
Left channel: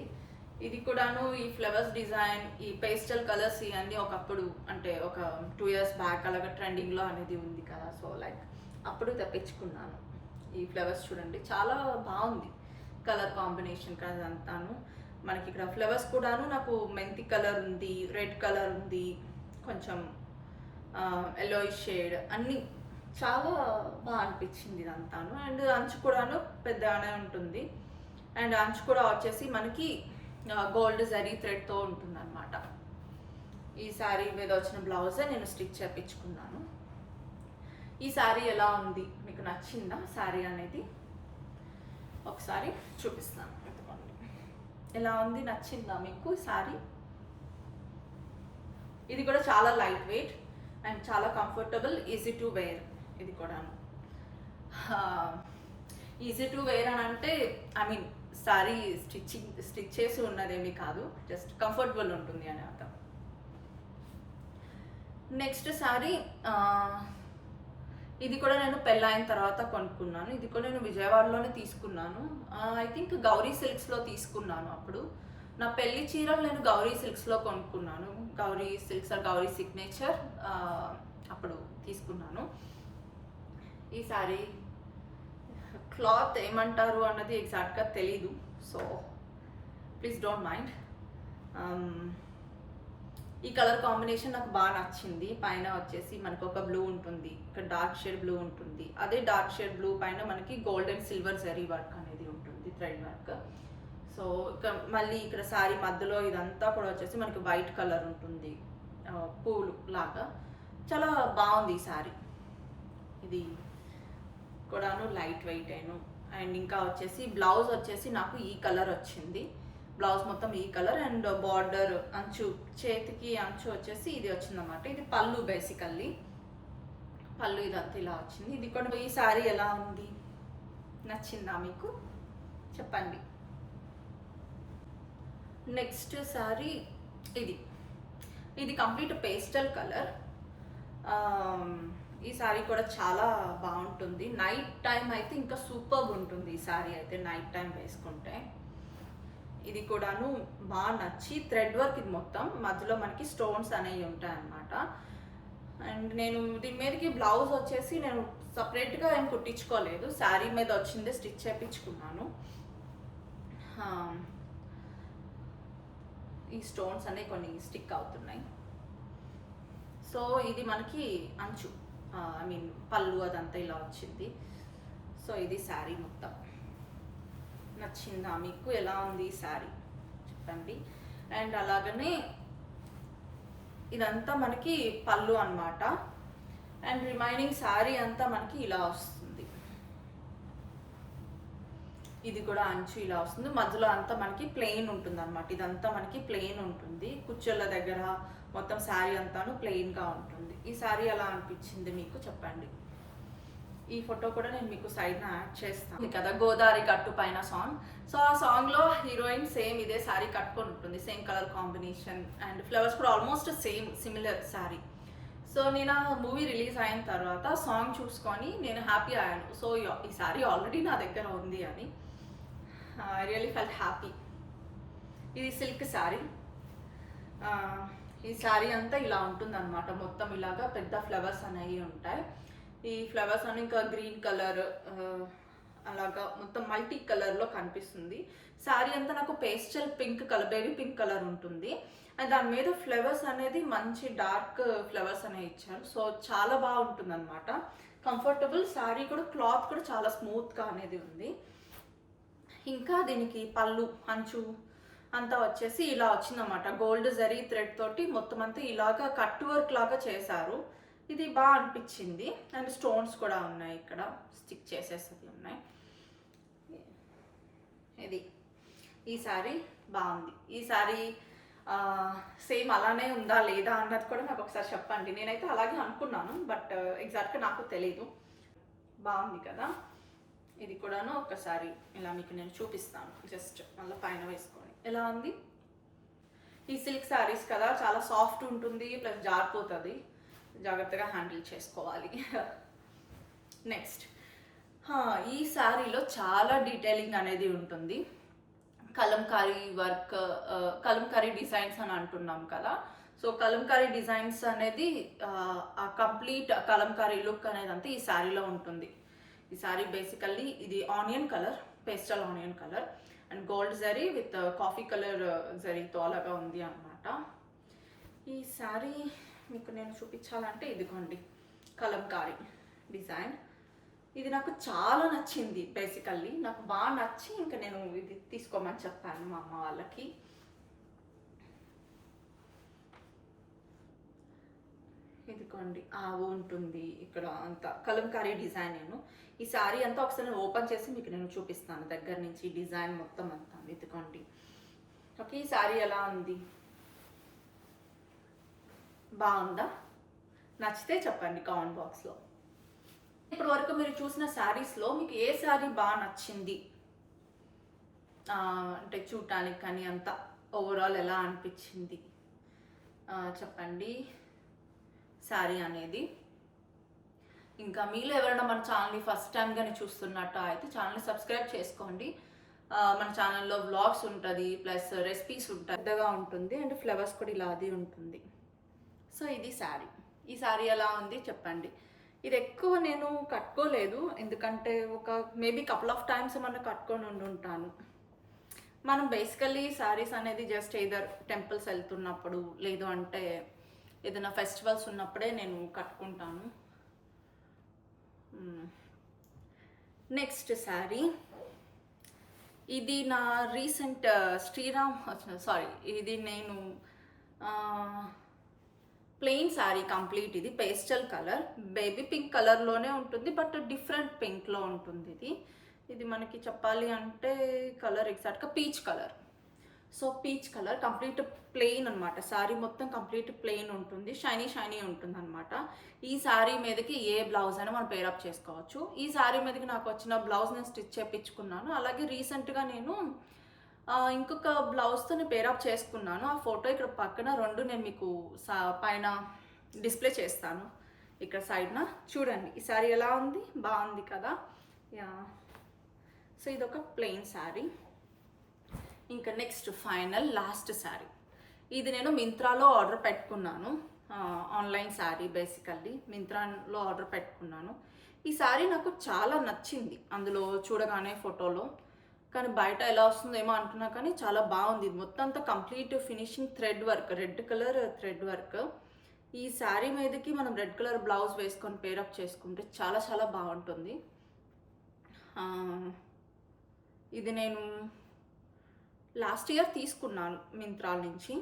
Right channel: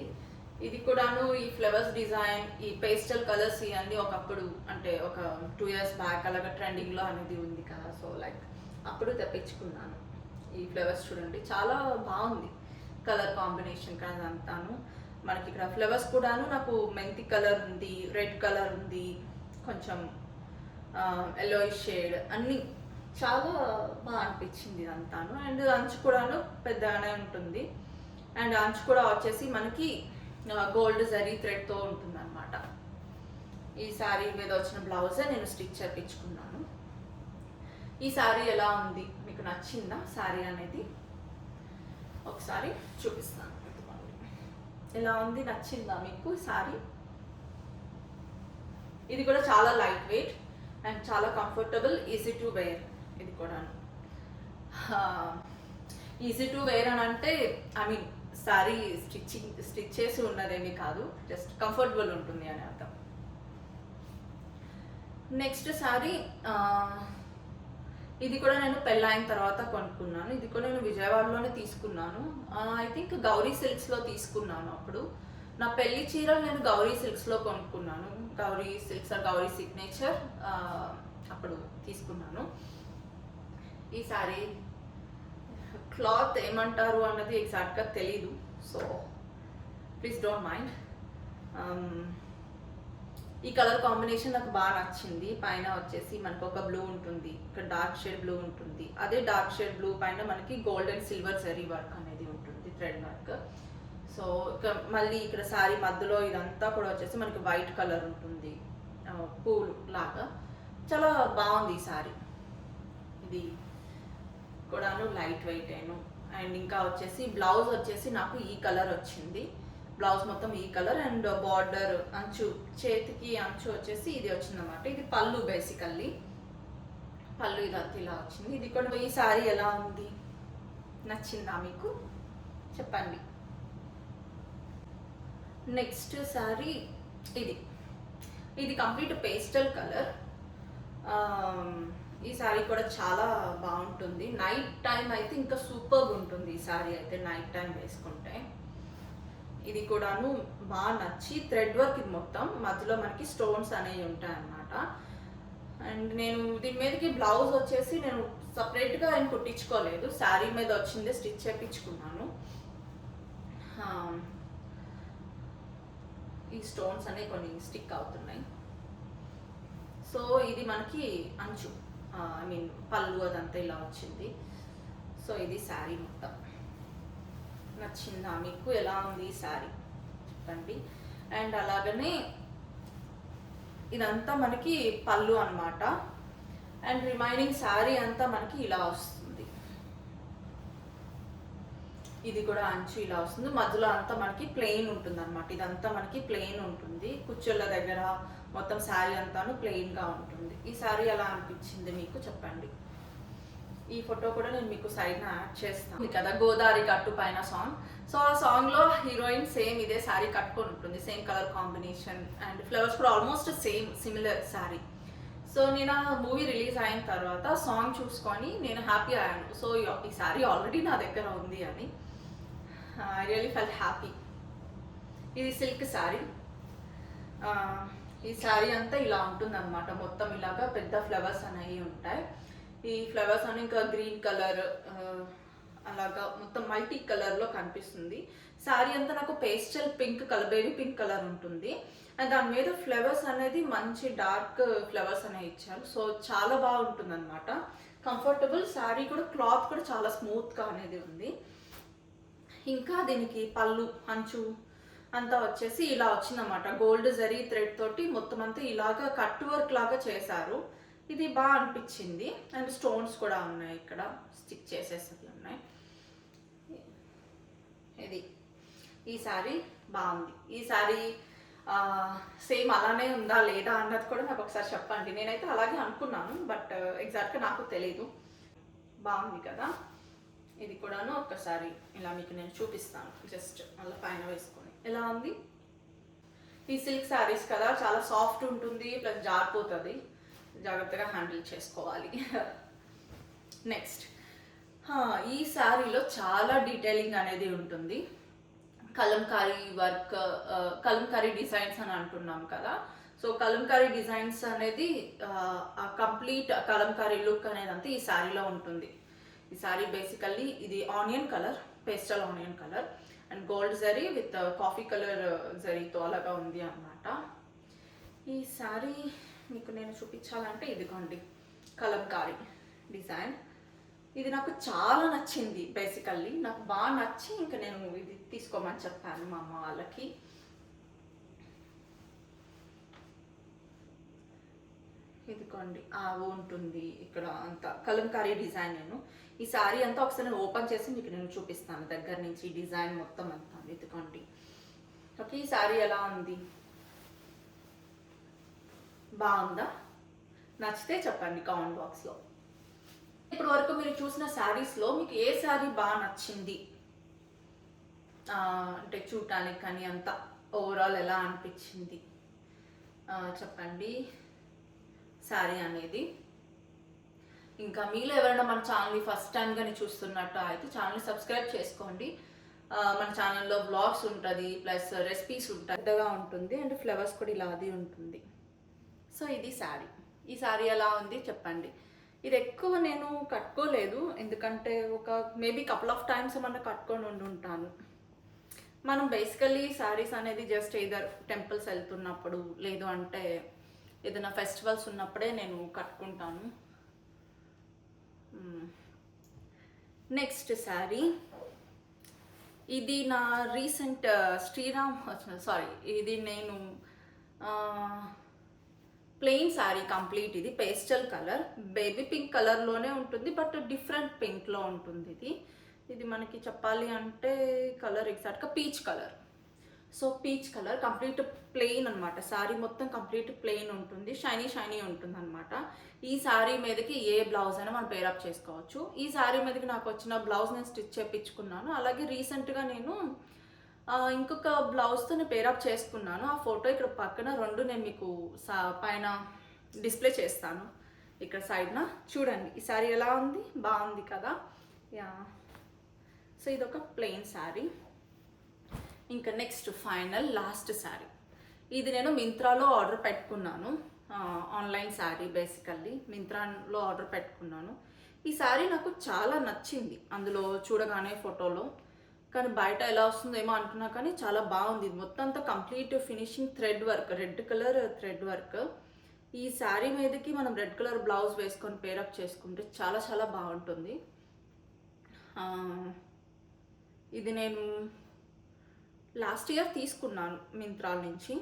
ఇది కూడాను ఈ ఫ్లవర్స్ డిజైన్, ఈ పేస్టల్ కలర్స్ ఇవన్నీ ఒకప్పుడు అంటే ఒక 2 years బ్యాక్ అలాగా ట్రెండింగ్లో అనేది ఉంది కదా. సో లైక్ అప్పుడు తెప్పించుకున్నాను. ఈ ఫ్లవర్స్ చూడండి చాలా బాగుంది కలర్ కాంబినేషన్ కదా అంతాను. మనకి ఇక్కడ ఫ్లవర్స్ కూడాను నాకు మెంతి కలర్ ఉంది, రెడ్ కలర్ ఉంది, కొంచెం ఎల్లోయిష్ షేడ్, అన్నీ చాలా బాగా అనిపించింది ఇదంతాను. అండ్ అంచు కూడాను పెద్దగానే ఉంటుంది. అండ్ అంచు కూడా వచ్చేసి మనకి గోల్డ్ జరీ థ్రెడ్తో ఉంటుంది అనమాట. ఈ శారీ మీద వచ్చిన బ్లౌజే నేను స్టిచ్ చేయించుకున్నాను. ఈ శారీ ఎలా ఉంది, మీకు నచ్చిందా శారీ అనేది ఒకసారి చూపిస్తాను. ఎలా ఉంది, నచ్చిందా మీకు శారీ? ఇది కూడా చాలా లైట్ వెయిట్ అండ్ చాలా కంఫర్టబుల్, ఈజీ టు వేర్. ఇది కూడా ఈజీ టు వేర్ అని అంటే ఐ మీన్ శారీ స్టిచ్ చేసి ఉన్నదేమీ కాదు, జస్ట్ కంఫర్టబుల్ ఉంటుంది అని అర్థం. నెక్స్ట్ శారీ ఇది కూడా నేను పెళ్ళైన తర్వాత కొనుక్కున్నాను. ఇది కూడా నేను విజయవాడలోనే తీసుకున్నాను. ఐ థింక్ గౌరీ సిల్క్స్లో తీసుకున్నాను. అప్పుడు నా పెళ్లి చీరలు నేను గౌరీ సిల్క్స్లో కొనుక్కున్నాను. Gowri Silks or Gowri signature అప్పుడు తీసుకున్నాను. ఈ శారీ క్లాత్ ఏమంటారు అన్నది ఎగ్జాక్ట్గా తెలీదు, సో ప్లీజ్ డోంట్ మైండ్. ఈ కలర్ కాంబినేషన్ నాకు బాగా నచ్చింది. పైన వచ్చేసి మనకు ఒక బ్లూ ఉంటుంది, ఇక్కడ డార్క్ షేడ్ బ్లూ ఉంటుంది. అదే డార్క్ షేడ్ బ్లూ పైన మనకి gold and silver zari work అనేది ఉంటుంది, థ్రెడ్ వర్క్. సో మళ్ళీ ఇక్కడ శారీ మధ్యలో ఇదంతా కూడా వచ్చేసి మనకి వైట్ కలర్ ఉంటుంది, పూలు లాగా. చాలా బాగుంది ఈ శారీ. ఇది కూడాను లైట్ వెయిట్ అండ్ ఇంకా వచ్చేసి బ్లౌజ్ వచ్చేసి నాకు ఈ కలర్ వచ్చింది. బ్లౌజ్ మొత్తం ఈ కలర్ అండ్ బార్డర్ అంచు, చేతికి అంచు వచ్చేసి ఇది వచ్చిందన్నమాట. ఇది పళ్ళు, బేసికల్లీ పళ్ళు ఇదంతా ఇలా వచ్చింది. ఇది కూడా ఈ శారీ ఎలా ఉంది, నచ్చిందా మీకు చెప్పండి. నెక్స్ట్ శారీ ఇది కంప్లీట్ పేస్టల్ కలర్. ఈ శారీ కూడా చాలా బాగుంటుంది. నైట్ టైం అయితే ఇంకా సూపర్గా ఉంటుంది ఈ శారీ అయితే, నైట్ టైం వేసుకుంటే. ఇది కూడాను బాగా నచ్చి థ్రెడ్ వర్క్, ఇది మొత్తం మధ్యలో మనకి స్టోన్స్ అనేవి ఉంటాయి అన్నమాట. అండ్ నేను దీని మీదకి బ్లౌజ్ వచ్చేసి నేను సపరేట్గా ఏం కుట్టించుకోలేదు, శారీ మీద వచ్చిందే స్టిచ్ చేయించుకున్నాను. ఈ స్టోన్స్ అనేవి కొన్ని స్టిక్ అవుతున్నాయి. సో ఇది మనకి అంచు, ఐ మీన్ పళ్ళు అదంతా ఇలా వచ్చింది. సో ఇది శారీ మొత్తం. నచ్చిందా మీకు, ఎలా ఉంది ఈ శారీ చెప్పండి. అండ్ అలాగనే ఇదంతా మనకి పళ్ళు అన్నమాట. అండ్ రిమైనింగ్ శారీ అంతా మనకి ఇలా వస్తుంది. ఇది కూడా అంచు ఇలా వస్తుంది, మధ్యలో అంతా మనకి ప్లెయిన్ ఉంటుంది అనమాట. ఇదంతా మనకి ప్లెయిన్ ఉంటుంది, కుచ్చెళ్ళ దగ్గర మొత్తం శారీ అంతాను ప్లెయిన్గా ఉంటుంది. ఈ శారీ ఎలా అనిపించింది మీకు చెప్పండి. ఈ ఫోటో కూడా నేను మీకు సైడ్న యాడ్ చేస్తాను కదా, గోదావరి గట్టు పైన సాంగ్. సో ఆ సాంగ్లో హీరోయిన్ సేమ్ ఇదే శారీ కట్టుకొని ఉంటుంది, same colour combination and flowers కూడా ఆల్మోస్ట్ సిమిలర్ శారీ. సో నేను ఆ మూవీ రిలీజ్ అయిన తర్వాత సాంగ్ చూసుకొని నేను హ్యాపీ అయ్యాను. సో ఈ శారీ ఆల్రెడీ నా దగ్గర ఉంది అని ఐ రియలీ ఫెల్ట్ హ్యాపీ. ఇది సిల్క్ శారీ. ఈ శారీ అంతా ఇలా ఉంటుంది అనమాట, మొత్తం ఇలాగా పెద్ద ఫ్లవర్స్ అనేవి ఉంటాయి. ఈ ఫ్లవర్స్ అని ఇంకా గ్రీన్ కలర్ అలాగా మొత్తం మల్టీ కలర్లో కనిపిస్తుంది. శారీ అంతా నాకు pastel pink colour, baby pink colour ఉంటుంది. అండ్ దాని మీద ఫ్లవర్స్ అనేది మంచి డార్క్ ఫ్లవర్స్ అనేవి ఇచ్చారు. సో చాలా బాగుంటుంది అనమాట, కంఫర్టబుల్. శారీ కూడా క్లాత్ కూడా చాలా స్మూత్గా అనేది ఉంది. ఇంకా దీనికి పళ్ళు అంచు అంతా వచ్చేసి ఇలా వచ్చిందన్నమాట, గోల్డ్ జరీ థ్రెడ్ తోటి మొత్తం అంతా ఇలాగా కట్ వర్క్ లాగా చేశారు. ఇది బాగా అనిపించింది. అండ్ స్టోన్స్ కూడా ఉన్నాయి, ఇక్కడ స్టిక్ చేసేసి ఉన్నాయి. ఇది ఈ శారీ బాగుంది. ఈ శారీ సేమ్ అలానే ఉందా లేదా అన్నది కూడా నాకు ఒకసారి చెప్పండి. నేనైతే అలాగే అనుకున్నాను, బట్ ఎగ్జాక్ట్గా నాకు తెలీదు. బాగుంది కదా. ఇది కూడాను ఒక్కసారి ఇలా మీకు నేను చూపిస్తాను, జస్ట్ మళ్ళీ పైన వేసుకొని ఎలా ఉంది. ఈ సిల్క్ శారీస్ కదా, చాలా సాఫ్ట్ ఉంటుంది, ప్లస్ జారిపోతుంది, జాగ్రత్తగా హ్యాండిల్ చేసుకోవాలి. నెక్స్ట్ ఈ శారీలో చాలా డీటెయిలింగ్ అనేది ఉంటుంది. కలంకారీ వర్క్, కలంకారీ డిజైన్స్ అని అంటున్నాం కదా. సో కలంకారీ డిజైన్స్ అనేది ఆ కంప్లీట్ కలంకారీ లుక్ అనేది అంతా ఈ శారీలో ఉంటుంది. ఈ శారీ బేసికల్లీ ఇది onion colour, pastel onion colour and gold zari with coffee colour జరీతో అలాగా ఉంది అన్నమాట. ఈ శారీ మీకు నేను చూపించాలంటే ఇదిగోండి, కలంకారీ డిజైన్. ఇది నాకు చాలా నచ్చింది. బేసికల్లీ నాకు బాగా నచ్చి ఇంకా నేను ఇది తీసుకోమని చెప్పాను మా అమ్మ వాళ్ళకి. ఇదిగోండి ఉంటుంది ఇక్కడ అంతా కలంకారీ డిజైన్. ఈ శారీ అంతా ఒకసారి ఓపెన్ చేసి మీకు నేను చూపిస్తాను దగ్గర నుంచి, డిజైన్ మొత్తం అంతా. ఇదిగోండి. ఓకే, ఈ శారీ ఎలా ఉంది, బాగుందా? నచ్చితే చెప్పండి కామెంట్ బాక్స్లో. ఇప్పటి వరకు మీరు చూసిన శారీస్లో మీకు ఏ శారీ బాగా నచ్చింది, అంటే చూడటానికి కానీ అంతా ఓవరాల్ ఎలా అనిపించింది చెప్పండి శారీ అనేది. ఇంకా మీలో ఎవరైనా మన ఛానల్ని ఫస్ట్ టైం కానీ చూస్తున్నట్టు అయితే ఛానల్ని సబ్స్క్రైబ్ చేసుకోండి. మన ఛానల్లో వ్లాగ్స్ ఉంటుంది, ప్లస్ రెసిపీస్ ఉంటాయి, పెద్దగా ఉంటుంది అండ్ ఫ్లవర్స్ కూడా ఇలా అది ఉంటుంది. సో ఇది శారీ. ఈ శారీ ఎలా ఉంది చెప్పండి. ఇది ఎక్కువ నేను కట్టుకోలేదు, ఎందుకంటే ఒక మేబీ కపుల్ ఆఫ్ టైమ్స్ ఏమన్నా కట్టుకొని ఉంటాను. మనం బేసికల్లీ శారీస్ అనేది జస్ట్ ఏదర్ టెంపుల్స్ వెళ్తున్నప్పుడు, లేదు అంటే ఏదైనా ఫెస్టివల్స్ ఉన్నప్పుడే నేను కట్టుకుంటాను. నెక్స్ట్ శారీ ఇది నా రీసెంట్ ఇది నేను ప్లెయిన్ శారీ కంప్లీట్. ఇది పేస్టల్ కలర్, బేబీ పింక్ కలర్లోనే ఉంటుంది, బట్ డిఫరెంట్ పింక్లో ఉంటుంది. ఇది మనకి చెప్పాలి అంటే కలర్ ఎగ్జాక్ట్గా peach colour. So peach colour complete plain అనమాట. శారీ మొత్తం కంప్లీట్ ప్లెయిన్ ఉంటుంది, షైనీ షైనీ ఉంటుంది అనమాట. ఈ శారీ మీదకి ఏ బ్లౌజ్ అయినా మనం పేరప్ చేసుకోవచ్చు. ఈ శారీ మీదకి నాకు వచ్చిన బ్లౌజ్ నేను స్టిచ్ చేయించుకున్నాను. అలాగే రీసెంట్గా నేను ఇంకొక బ్లౌజ్తో నేను పేరప్ చేసుకున్నాను. ఆ ఫోటో ఇక్కడ పక్కన రెండు నేను మీకు పైన డిస్ప్లే చేస్తాను. ఇక్కడ సైడ్న చూడండి ఈ శారీ ఎలా ఉంది, బాగుంది కదా. యా, సో ఇదొక ప్లెయిన్ శారీ. ఇంకా నెక్స్ట్ ఫైనల్ లాస్ట్ శారీ. ఇది నేను మింత్రాలో ఆర్డర్ పెట్టుకున్నాను. ఆన్లైన్ శారీ, బేసికల్లీ మింత్రాలో ఆర్డర్ పెట్టుకున్నాను. ఈ శారీ నాకు చాలా నచ్చింది అందులో చూడగానే ఫోటోలో, కానీ బయట ఎలా వస్తుందేమో అనుకున్నా కానీ చాలా బాగుంది. ఇది మొత్తం అంతా complete finishing thread work, red colour thread work. ఈ శారీ మీదకి మనం రెడ్ కలర్ బ్లౌజ్ వేసుకొని పేరప్ చేసుకుంటే చాలా చాలా బాగుంటుంది. ఇది నేను లాస్ట్ ఇయర్ తీసుకున్నాను మింత్రాల నుంచి.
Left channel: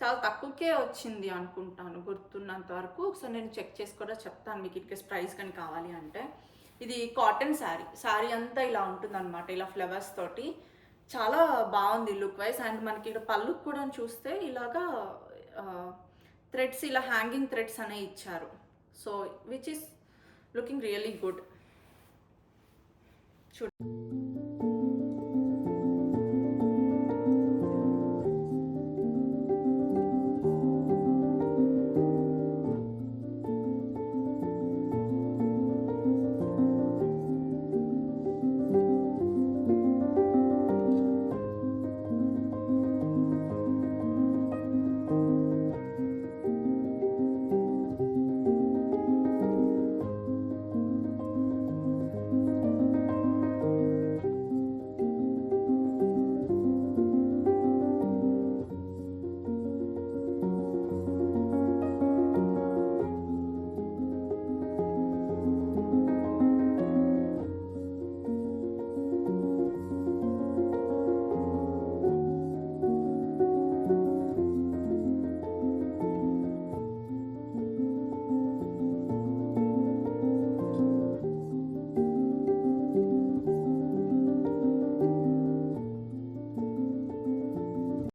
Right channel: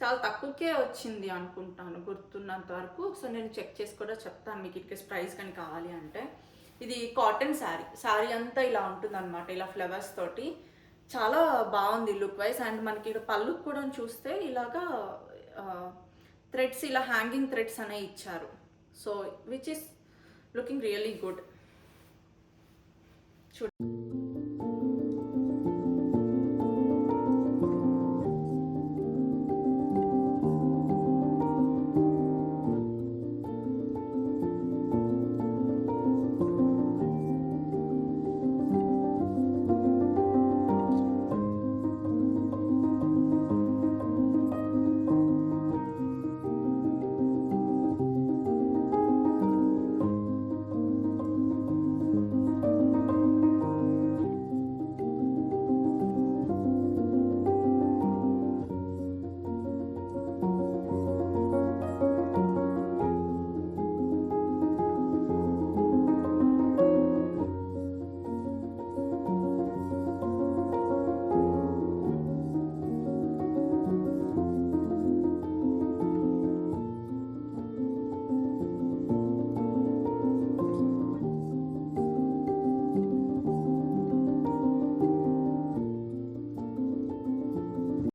చాలా తక్కువకే వచ్చింది అనుకుంటాను గుర్తున్నంత వరకు. సో నేను చెక్ చేసి కూడా చెప్తాను మీకు ఇన్కేస్ ప్రైస్ కానీ కావాలి అంటే. ఇది కాటన్ శారీ, శారీ అంతా ఇలా ఉంటుంది అనమాట, ఇలా ఫ్లవర్స్ తోటి. చాలా బాగుంది లుక్ వైజ్. అండ్ మనకి ఇక్కడ పళ్ళు కూడా చూస్తే ఇలాగా థ్రెడ్స్, ఇలా హ్యాంగింగ్ థ్రెడ్స్ అనేవి ఇచ్చారు. So which is looking really good. చూడండి